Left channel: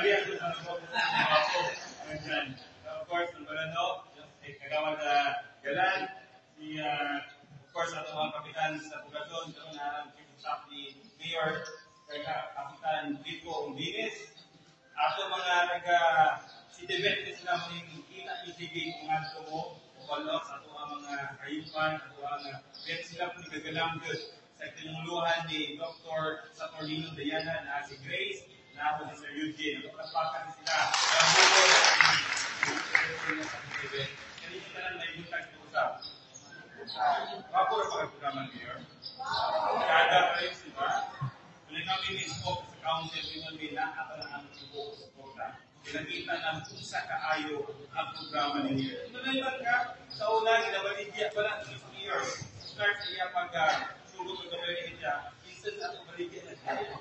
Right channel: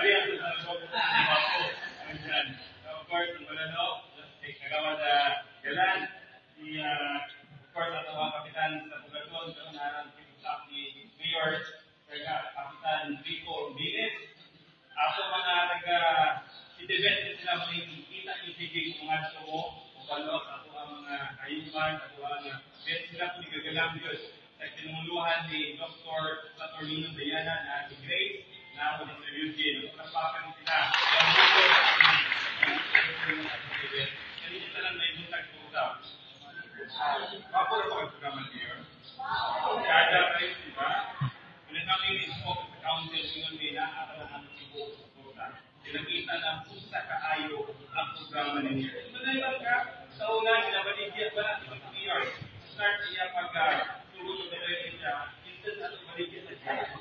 Balian ko sa nagbago sa mga po. Nandyan. Of course, ang balano, kagawad Galan, of course, ato ang kapitan sa Pugasyon, karoon na ang chief of staff ni Mayor, Kapitan Rico Umbines. Ato mga si-debate sila mo yung kita yung sige kung ato mo, o palo, sa ato ang mga kayupan, ato ang bet sila kung igagalang yun. Sa tinunguluhan ni Dr. Saturnino Diana na si Grace, na ako ni Sir Eugene. Ano pagpapakan sila? Kaya buko hindi nyo talang may buntag sa usap. Kapura pa ang programa niyo. Kada kayo sila. Kung kami mismo sa council, tingnan nila ako na ang ibo sa kota. Pinakita ng pusa kaayo ang programa ninyo. Manayman ka, sa una, ginabaligya pa na sa mayor. Start niya pag-sugot ng area. Instead na itong baligya na siya.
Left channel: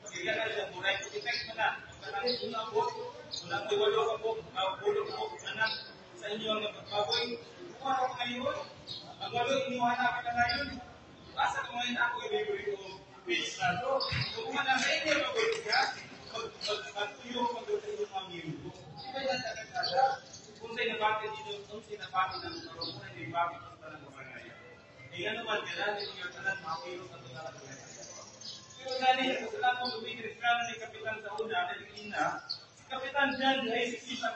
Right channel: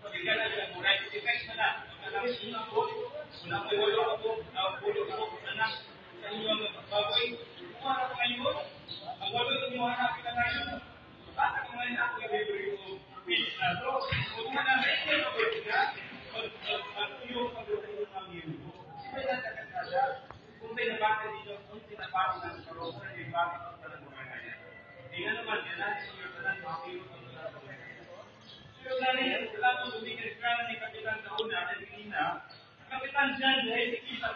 Pagkita na siya, mura yung effect mo na. Pagkita na po, wala mo iwalo ako, pulo ko, anak, sa inyo ang baboy. Kung ano ngayon, ang walo inyo hanapin na ngayon. Basta kung ngayon ako i-review ko, fish na to. Kung na sa inyo baboy ka, mag-tuyo kung sa inyo mga miyugo. Iba yan kakagkada. Kung sa'yo nabati dito, kung sa'yo nabati ng karungan, yung bakit ang talang kumangaya. E nga naman, gananin yung talang mga kilos ang talang kumangaya. Pero ganin, sa lahat ng lumigil, ni Kapitan sa una, at ina, si Kapitan Jan, ay si Kisa,